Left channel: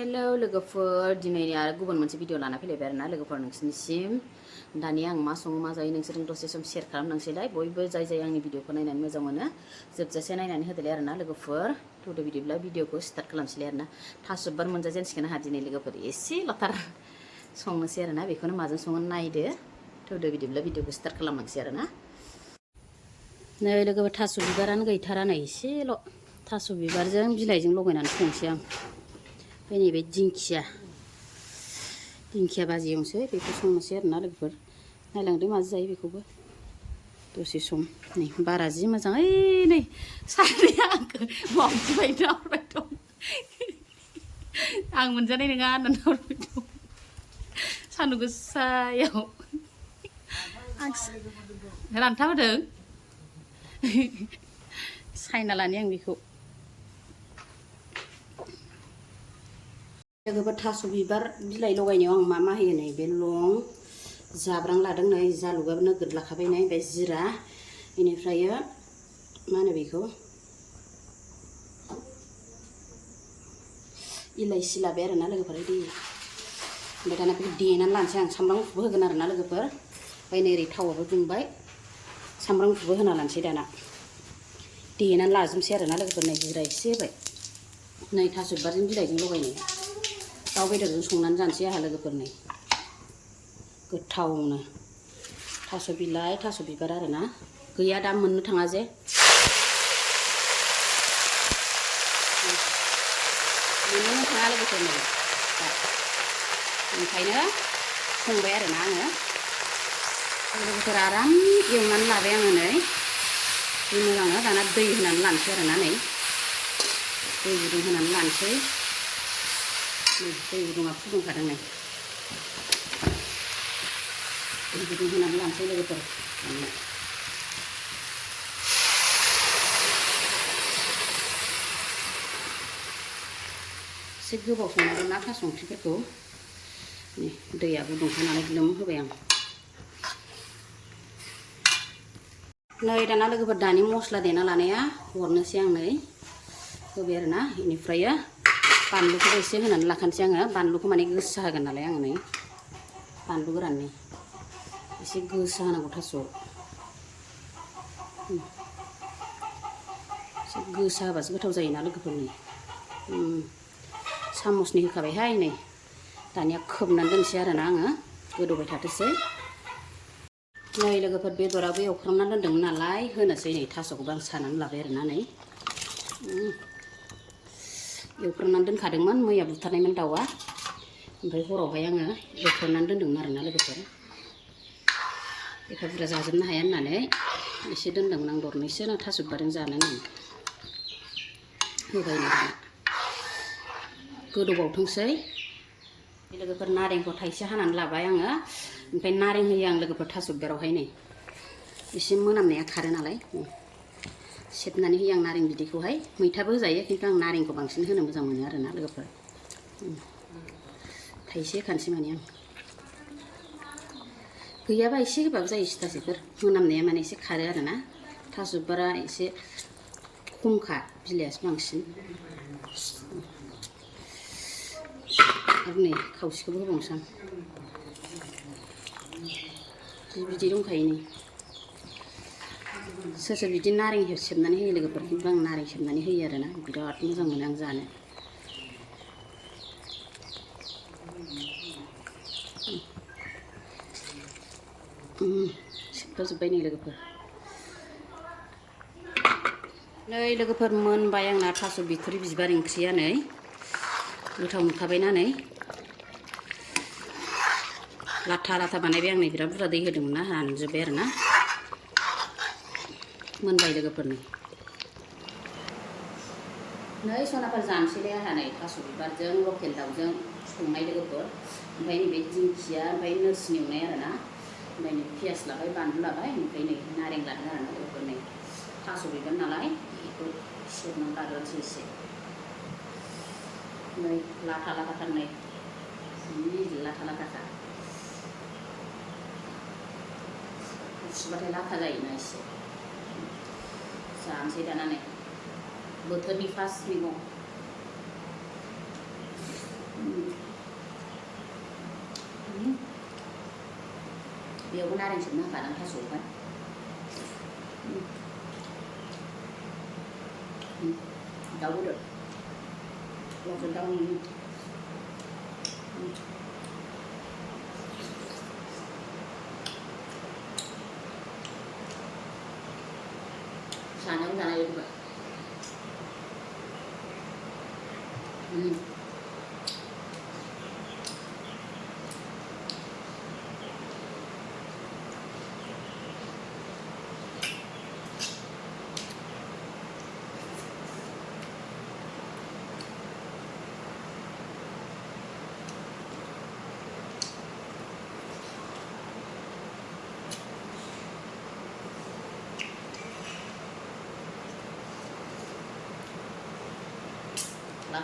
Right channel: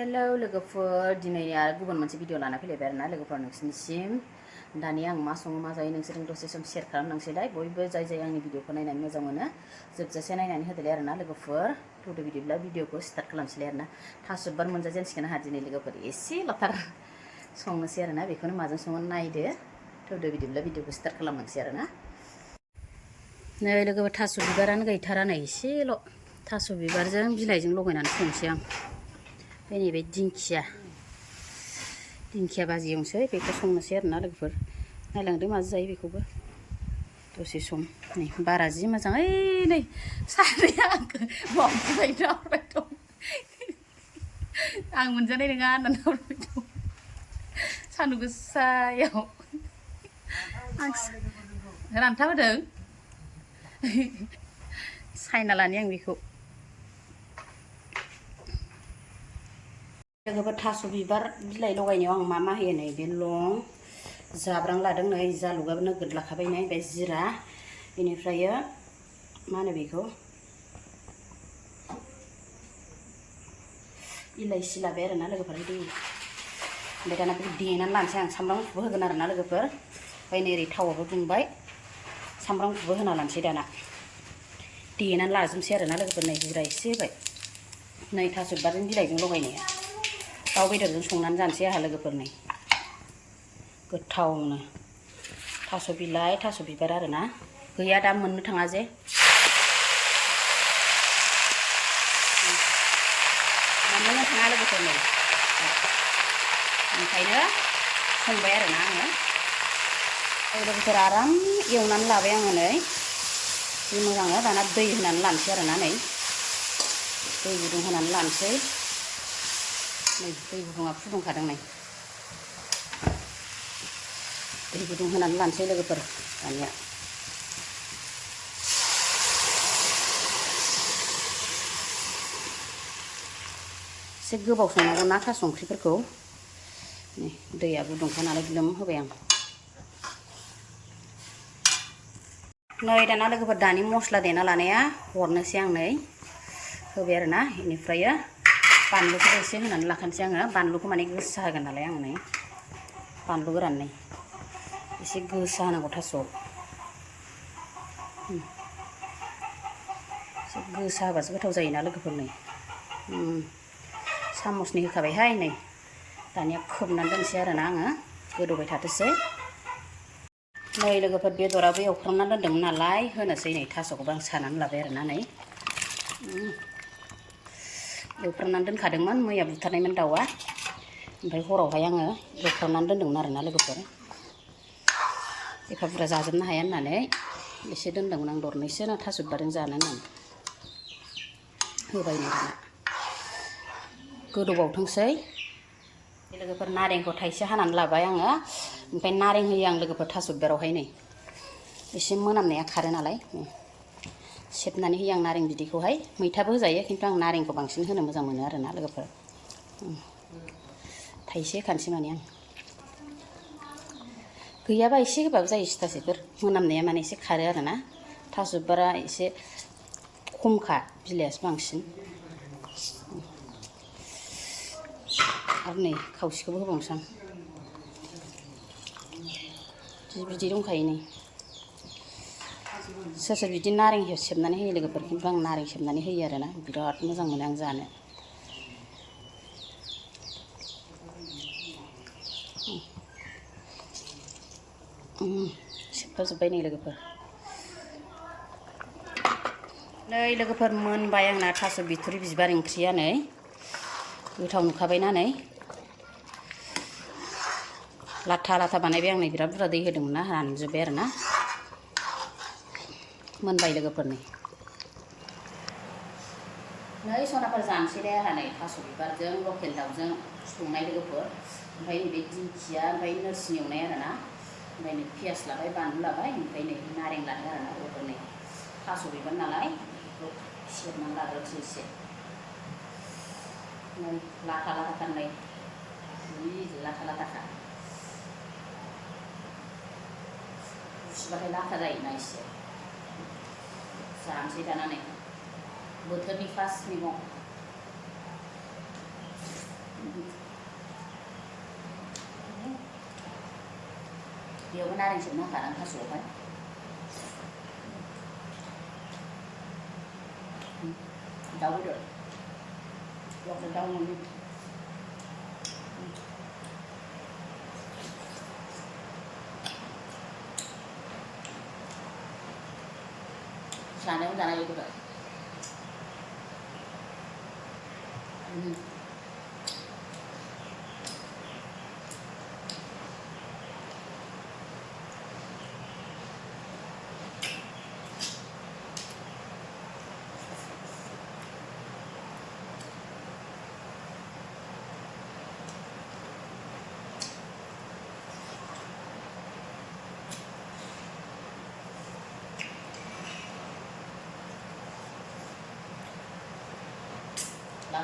Hello लोगोफोर दिनै आरो गुबुन मोनसे भिडिअ लाना फैलायबाय आरोना लोगोफोर नोंसिनिसिम दानिया आं मा सङो मा जायो नोंसोरजों दसे सम शेयार खालामनांसैलाय बयबो जाय आंनि भिडिअखौ नायनानै मोजां मोनो जोबजासे नायनानै होदोलाय आरोना लोगोफोर थौदो बिदिब्ला भिडिअखौ स्टार्ट खालामसैलाय आरोना थास' बिबार मोनजाजेनसिगोन आंहा दिनै लोगोफोर एसे लथार संनोसै आरोना बेखौनो माजों सङो नायदो थौदो बिदिब्ला भिडिअखौ स्टार्ट खालामलांसै आरोना नै लोगोफोर थास' बिबारानो गैथारा नै एसेल' थास' बिबारजों बिलाइजों लगायनानै संसै आं ओमफ्राय नैबे दिंखिया भाजि एवनोसै बेखौ संनोसै आरोना लोगोफोर नायलांदो माजों जायो बेखौबो दसे सम नै बारा जि मोजां ओइ नै सानैया आंखौ मावजिबाय नाहरबाय दं आं मोनजानाय नङा होननानै नाहरबाय दं सान्दुं गोसायाव आं रानथाबहोदों सायना लानि आं बेखौ लोगोफोर थास' बिबार बिलाइ लगायनायाव आं मा होयो नै बे लं जाब्रां लादों नै जालुगाबो नोगोद लाखाबाय नै ओमफ्राय जिरा बेनिफ्राय मा होनो बेखौ इलाइसि लाबाय आरोना लोगोफोर दे ओमफ्राय दाना बेखौ देनानै लानोसै आं सामब्राम गुफुरबो होगोन आरोना लोगोफोर ओमफ्राय नै ओरै थावाबो दुंबाय सामब्राम गुफुरबो होना लानोसै दाना देनानै लाजोबनोसै आरोना लोगोफोर नै जिरा एसे होबाय नै थास' बिबारजों बिलाइजों लगायनाया दाउ बेदरजों संनानै जानोसै आंहा लोगोफोर नै गोथावनो थास' बिलाइ थास' बिबार आरोना गैया दा मोननो थाङा जे मोननोनो थाङा लोगोफोर नै ओंखायनो संबाय आरोना आङो लोगोफोर आराम एवनानै लाबाय आङो नै जि मोजांनो दाना दै होनानै लानोसै आरोना नै दै गुदुं होनानै लानोसै नै दै गुदुङा फुदुंखादों नै दै गुदुं होनानै लानोसै लोगोफोर दानिया एसे गोबाव संनांगौ ना थास' ओंख्रिफोरखौ नै दैया गुदुंखा नालाय ग्लोम होबाय आं नै दाना लोगोफोर दानि मस्ला देना लानाया हरनोसै आं नै होबाय आरोना बेनिफ्राय बानलुखौबो एसे होनानै लाखानोसै आङो बानलुखौ माने गोसा होगोन नालाय आङो नै बानलु गोरान नै एसे गोसा होनांगौ थास'आव एसे गोसा होबासो गोथाव जायोना लोगोफोर नै सामसनि होखाबायहाय नै दानिया खोबनानै दोनसै आरोना आङो गोदौबाय थाथोंसै नै लोगोफोर बेदराबो एवफ्रामनानै दोन्दोंमोन नालाय होनोसै नै थास'खौबो आं सानानै लाबाय आरोना नै एवफ्रामनानै दोनखादोंमोन मैया बुथारनायमोन दाउआ ओमफ्राय हरावहाय आङो एवफ्रामनानै दोन्दोंमोन आरोना लोगोफोर एफा बुरजा जाजोबनो हाया होननानै एसे दोन्दोंमोन आं दरनैसो थास' बिबारजों जानो होननानै होबाय नै दाना गोदौबावथोंसै लोगोफोर नारेंखौ थाइसे हानानै लाबाय आङो ओमफ्राय नारें होयो आं लोगोफोर थास' बिबारावहाय नै एसे मोनामनाया खारो नालाय सेबनानै होयो आं नारें बिदैखौहाय मैथाबो होजायो खिन्थु आं नारेंखौ बांसिन होनो मोजां मोनो आरोना लोगोफोर थाइसे होखानोसै माने आं गैयाबा एसे होबाबो जायो सिथासेफोर मोनामनाया माने एसे खारो आरोना थास' बिबारा एसे खमखा बिलाइयासो बांसिन आरो नै खावसेखौबो होबावनोसै आं जि बिदै दंखायो नै सोर सोर बिदि नारें सेबनानै होयो लोगोफोर खिन्थु आं नारें सेबनानै होयो आरोना बिराद मोजां मोनो आं जानो सेबफाजोब्बाय नै लोगोफोर मोनबाय आंना थास' बिथुरि बिबार ओंख्रिया नै गोथाव नुखाबायना नै लाथा लाथा बानायबाय आं नै बिराद बुरजा दै होदोंमोन ना रानजोब्बाय आरोना मोनबाय लोगोफोर नै सनाफोर जानोसैलाय आंहा नै थास' बिबारजों लकेल दाउजों संनाय लोगोफोर ओमफ्राय नैबे दिंखिया ओमफ्राय नोरसिं एवनाय आरोना ओमफ्राय नै पियास लाबाय बानलु लाबाय ओमफ्राय नै नारें लादों आरोना लोगोफोर नै थास' बिबार नालाय बेखौ सेबनानै लाग्रोनोसै एसे नै लाथा लाथाथार नै जि लाथा लाथाखा गुसुबाथाय लाथा जायोना एसे जानोसै दाना नै बोथोरनि फार्स्ट मैगं बेयावबो नारें सोबनो होखादां थास'आवहाय दाउ बेदर लकेल दाउ न'नि जानायाव जानाय लुगैबाय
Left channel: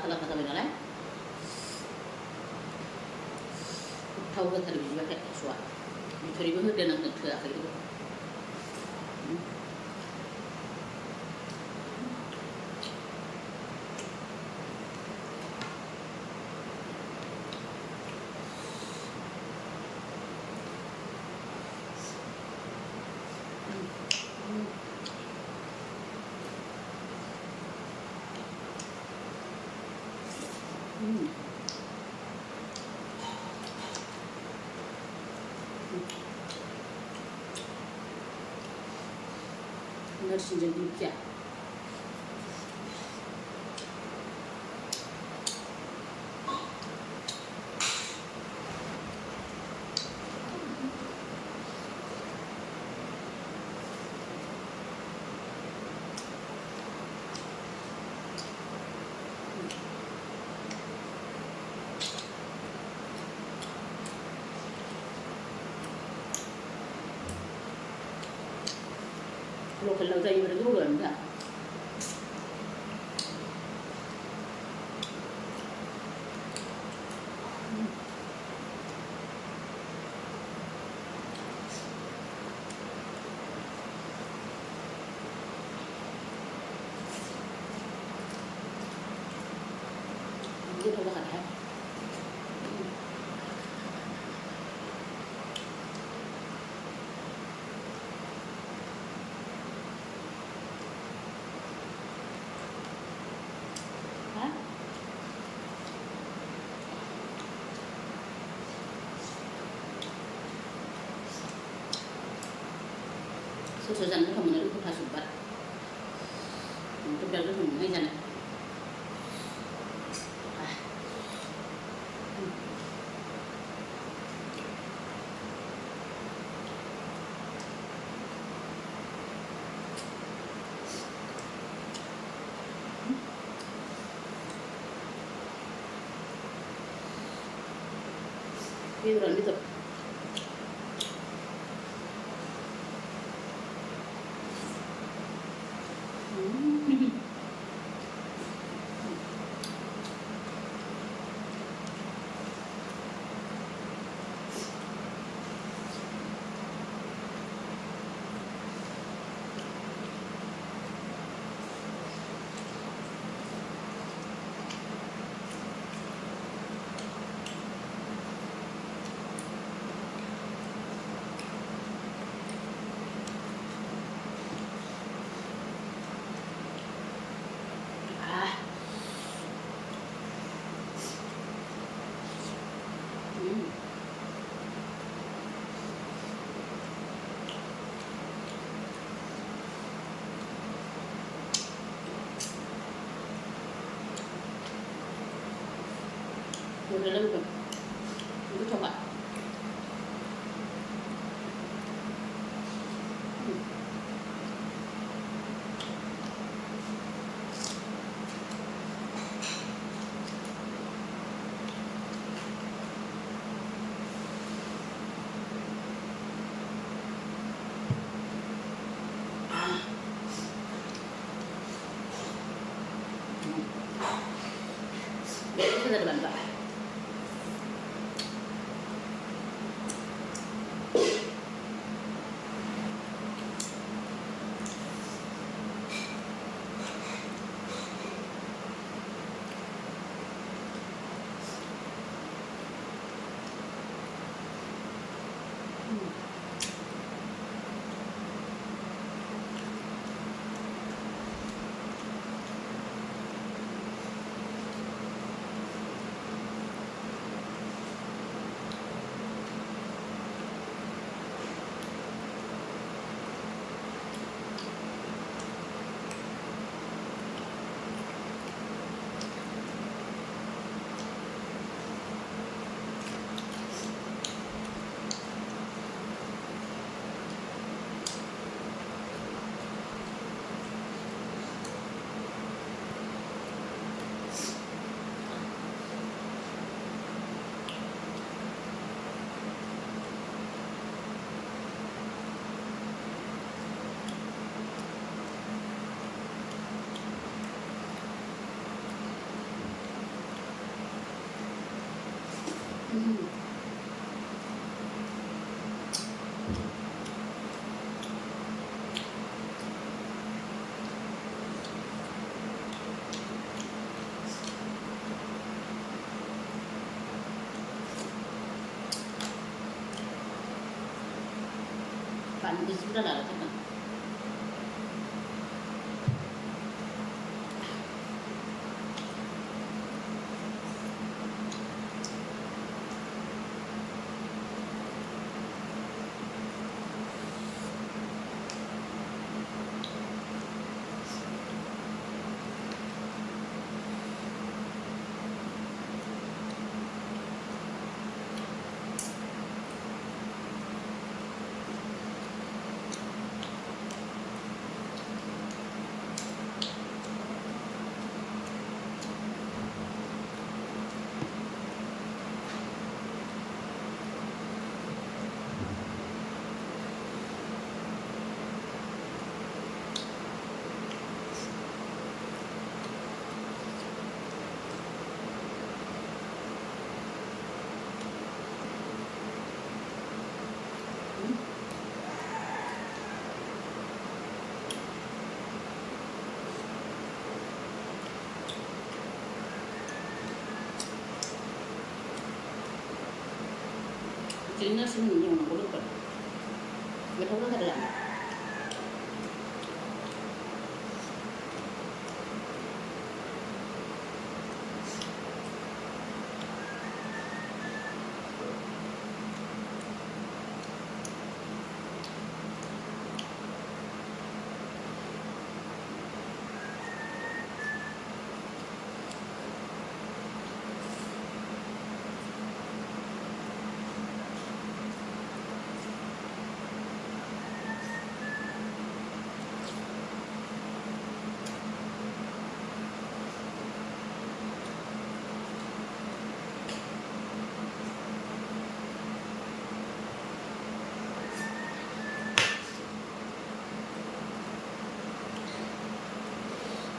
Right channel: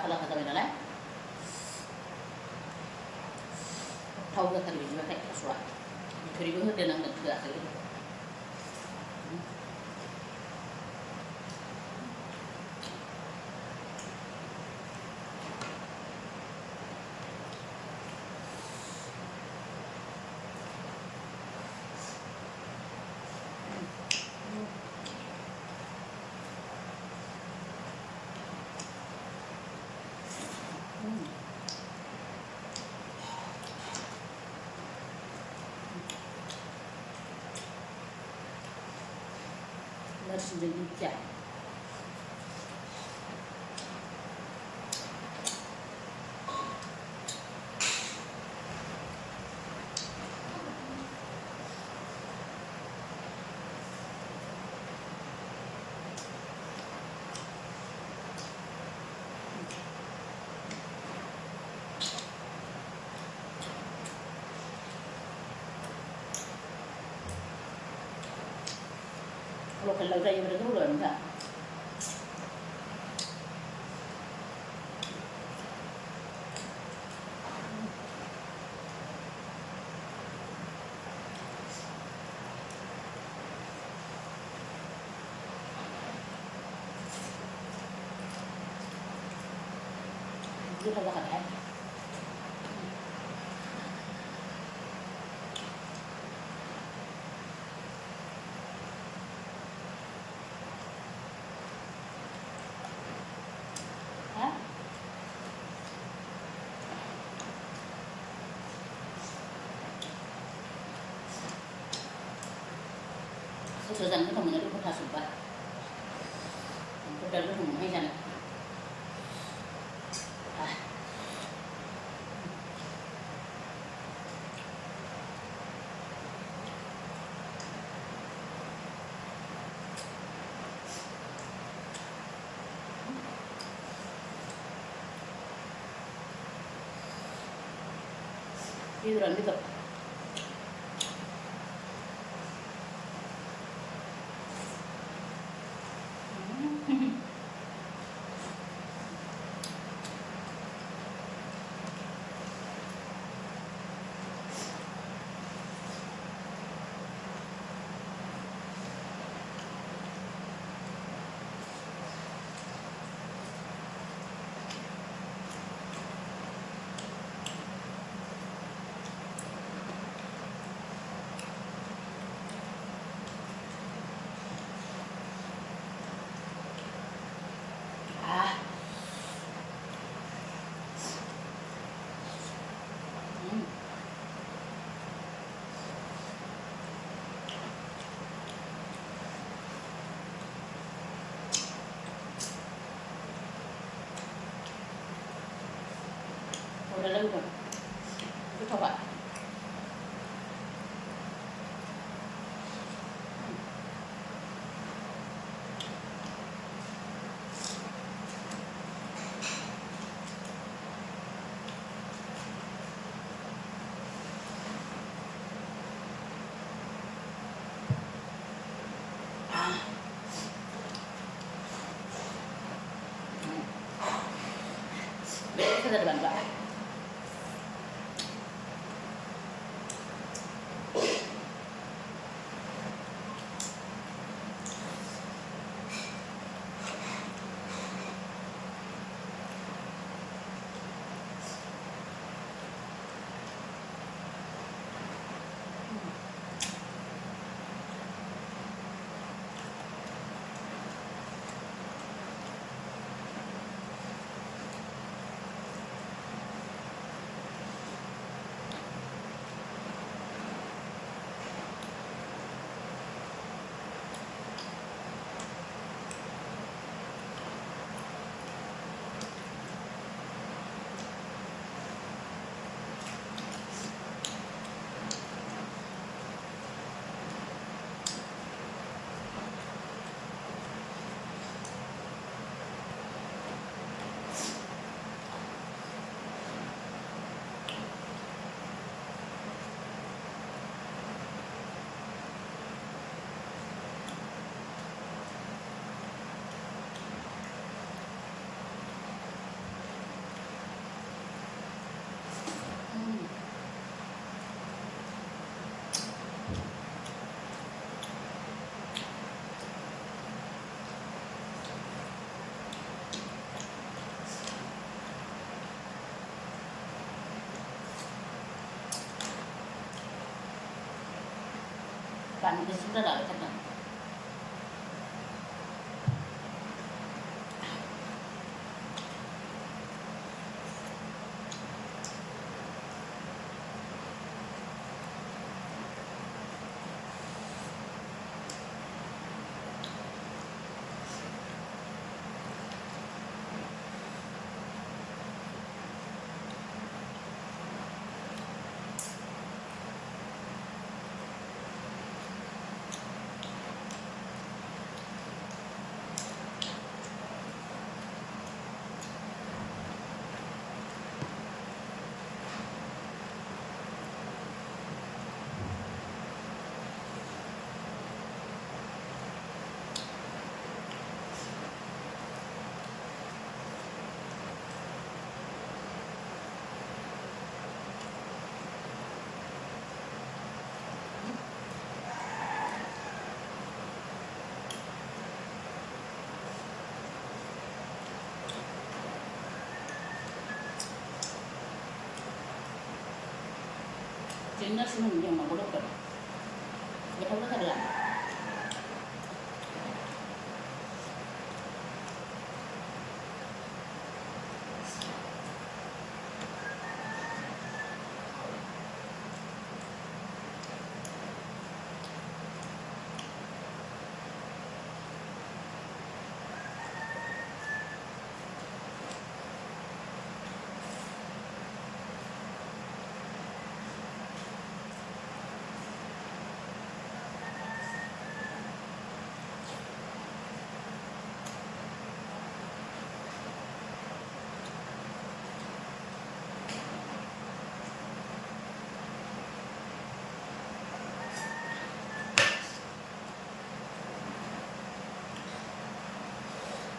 लाथा जाबाय नालाय गोथाव जाथारो बिदिबाथाय थास'आ बिथ'रिबो होदेरनांदों थोआखै लोगोफोर नोरसिंजों दिंखिया lokel lau jayo berarti belum enggak itu tak ada Sesuatu goथाव मोनो रोखोम थास'बार बिराद गोथाव मोनहाय जानो बेदर udah lalu dong itu coba berarti sudah ada bantuan Bạn cứ xuống ra là thật đó. Chính nó xin nhiều nó có đâu cần gật không rất là được.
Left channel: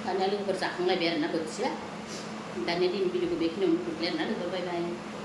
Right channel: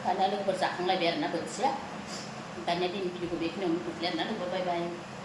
Karena lu bersaking lebar na bersih. Tanya di video gue bikin untuk lebar na lu bye bye.